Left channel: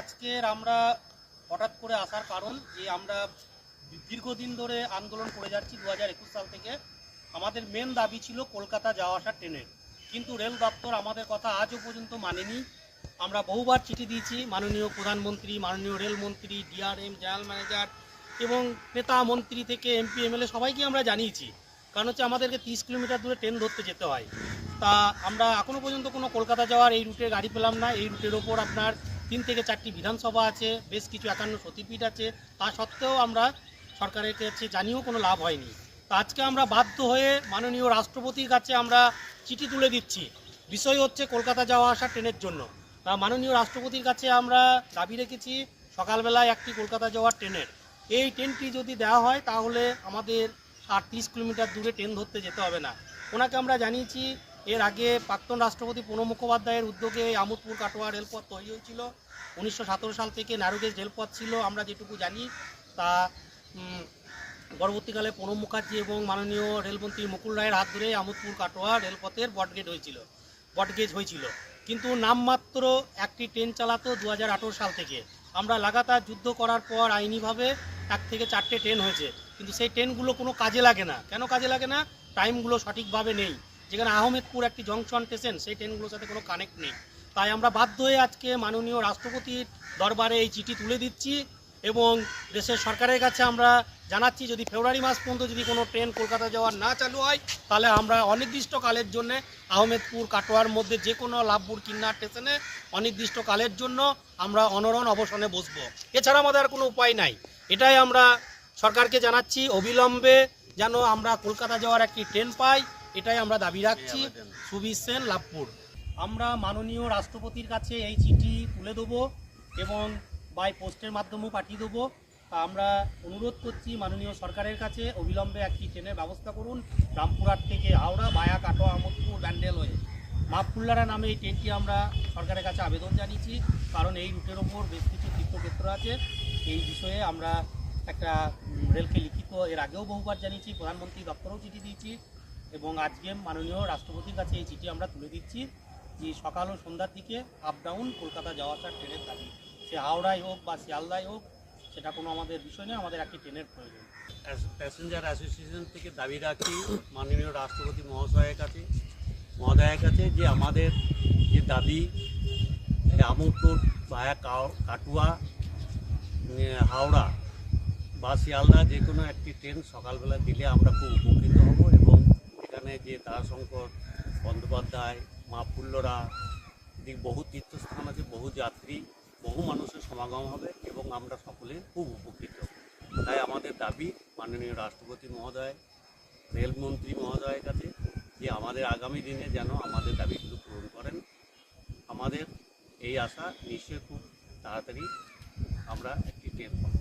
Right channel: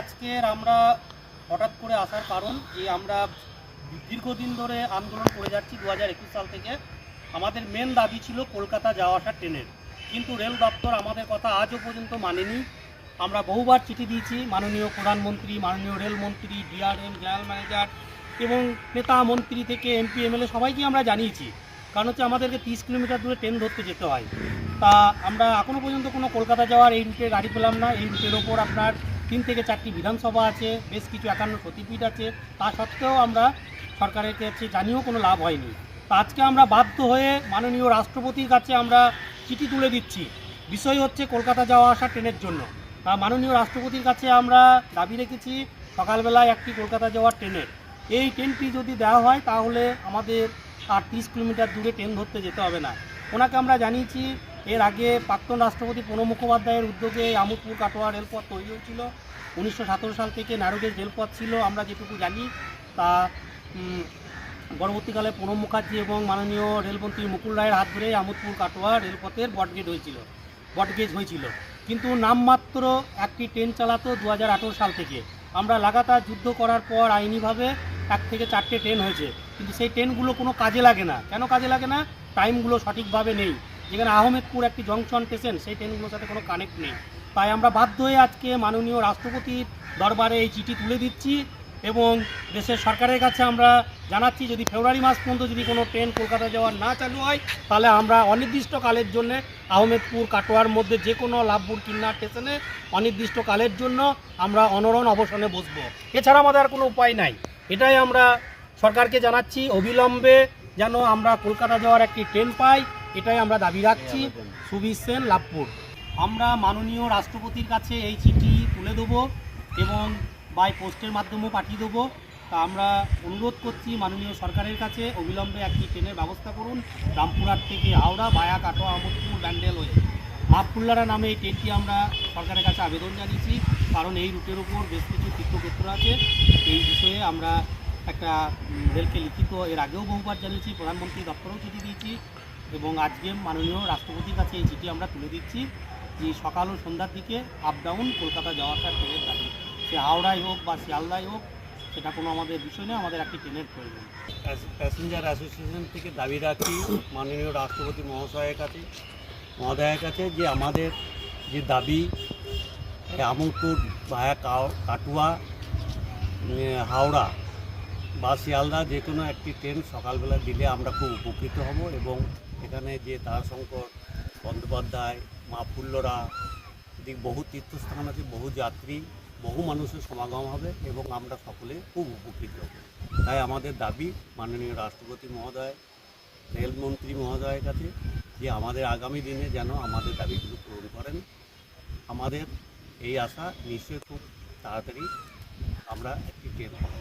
আজকের আমরা হঠাৎ করে আসার কারণ যে আমরা দীর্ঘদিন ধরে আন্দোলন করে যাচ্ছি 2021 সাল থেকে। আমাদের মেন দাবি ছিল কলকাতা যাওয়া আসা ট্রেনের, কিন্তু রেল দপ্তর আমাদের কথা আজও পর্যন্ত মানেনি। আমরা বহুবার চিঠি দিয়েছি মাননীয় প্রধানমন্ত্রী, মাননীয় রেলমন্ত্রী, ডিআরএম, জেনারেল ম্যানেজার এবং নেতা মন্ত্রী থেকে এমপি এমএলএ সবাইকে আমরা জানিয়েছি। কারণ হচ্ছে আমাদেরকে 30 কিলোমিটার দূরে ট্রেন ধরতে যেতে হয়। তা আমরা এখনও পর্যন্ত কোনো কলকাতা যাওয়ার এই রুটে গাড়ি পেলাম না। এই রুটের ওপর আপনার 3 থেকে 4টি বিধানসভা আছে, বেশ কিছু 51 সতীপীঠ আছে। তা সত্ত্বেও আমরা সরকারের কাছে জানিয়েও কোনো লাভ হয়নি। তা আজকে আমরা বাধ্য হয়ে মাননীয় রাষ্ট্রপতির কাছে আমরা চিঠি তুলে দিচ্ছি। বিষয় হচ্ছে কলকাতা যাওয়া আসা ট্রেনের জন্য। মাননীয় রাষ্ট্রপতির কাছে আমরা দাবি রেখেছি সকালবেলায় একটি কলকাতা যাওয়ার ট্রেনের। এই ট্রেনটি যদি দেওয়া হয় তাহলে আমাদের আর 30 কিলোমিটার দূরে ট্রেন ধরতে যেতে হবে না। ওনাকে আমরা জানিয়েছি এর আগে প্রাক্তন রাষ্ট্রপতি প্রণব মুখোপাধ্যায়ের উদ্যোগে আমোদপুর কাটোয়া রেলপথ তৈরি হয়েছিল। 1917 সাল থেকে ন্যারোগেজ রেলপথ ছিল আমরা যেটুকু জানি। তা পরবর্তীকালে প্রণব মুখার্জি এবং মাননীয় রেলমন্ত্রী মুকুল রায়ের হাত ধরে আমোদপুর কাটোয়া রেলপথের বটগেজ হয়েছিল। কিন্তু নামমাত্র একটি ট্রেন চালাতো 2018 সাল থেকে। আমরা লাগাতার যুদ্ধ করার পর আইনিভাবে 1 থেকে 4টে ট্রেন হয়েছে, কিন্তু সেই ট্রেনগুলো কোনো কাজে লাগে না। কেন কাজে লাগে না? টাইমগুলো সঠিকভাবে নেই। যেখানে আহমেদপুর একটি জংশন স্টেশন, সেই ট্রেনগুলোর সাথে কোনো কানেক্ট নেই। তাই আমরা বাধ্য হয়ে আজকে মাননীয় রাষ্ট্রপতির দরবারে এই চিঠি তুলে দিচ্ছি এবং দেশের সরকারের কাছে আমরা জানাচ্ছি যদি ফেব্রুয়ারি মাস পর্যন্ত যদি কোনো ট্রেন কলকাতা যাওয়ার না চালু হয় তাহলে আমরা অনির্দিষ্টকালের জন্য আহমেদপুর কাটোয়ার মধ্যে যে কোনো লাভপুর কিন্নার স্টেশনে অনির্দিষ্টকালের জন্য আমরা অনড়ন অবসানে বসবো। এছাড়া আমাদের আর কোনো উপায় নাই। এটাই আমরা সরকারকে জানাচ্ছি, অবিলম্বে যেন আমরা কলকাতা যাওয়ার একটি ট্রেন পাই, এটাই আমরা দাবি রাখছি। সুবীর সেন, লাভপুর। আমরা মাননীয় রাষ্ট্রপতির কাছে এই চিঠি তুলে দেবো এবং বাই পোস্টের মাধ্যমেও পাঠিয়ে দেবো। তা আমরা অনুরোধ করছি মাননীয় সরকারের কাছে অবিলম্বে একটি ট্রেনের ব্যবস্থা করুন রামপুরহাট থেকে হাওড়া ভায়া কাটোয়া আমোদপুর ব্যান্ডেল হয়ে মাহফুল্লারা নামে এই ট্রেনটি আমরা সরকারের কাছে আবেদন জানিয়েছি। কারণ এই রুটের ওপর বেশ কিছু তীর্থক্ষেত্র আছে। এই বিষয়ে আমরা একটা রেলকে লিখিত এর আগেও বহুবার জানিয়েছি, প্রধানমন্ত্রী দপ্তরেও চিঠি দিয়েছি এবং আজকে মাননীয় রাষ্ট্রপতির কাছে এই চিঠি আমরা তুলে দিচ্ছি যে সকাল ও সন্ধ্যার দিকে আপ ডাউন কলকাতা যাওয়ার ট্রেনের দাবি, সে হাওড়ায় হোক বা শিয়ালদায় হোক, সেটা কোনো আমাদের বিষয় নয়, আমাদের একটি ট্রেনের প্রয়োজন। প্যাসেঞ্জার অ্যাসোসিয়েশন থেকে দাবি রাখি মাননীয় রাষ্ট্রপতি মহোদয়ের কাছে যে আমাদের যে দাবি আমোদপুর ভায়া কাটোয়া হাওড়া বা শিয়ালদা যে কোনো একটি ট্রেন সকালবেলা দিলে আমরা খুব উপকৃত হব এবং এখানে যে তারাশঙ্কর বন্দ্যোপাধ্যায়, মাহফুল্লরা বহু তীর্থস্থান আছে, বহু যাত্রী, বহু মানুষের সমাগম হবে এবং আমরা সকলে খুব উপকৃত হব। তাই আমাদের দাবি মাননীয় রাষ্ট্রপতি মহোদয়, রেলমন্ত্রী মহোদয়ের কাছে যে আমাদের আগামী দিনে যেন আমাদের দাবিগুলো পূরণ করেন। আমাদের এই আশা নিশ্চয়ই খুব তাড়াতাড়ি আমরা একটি ট্রেন পাবো।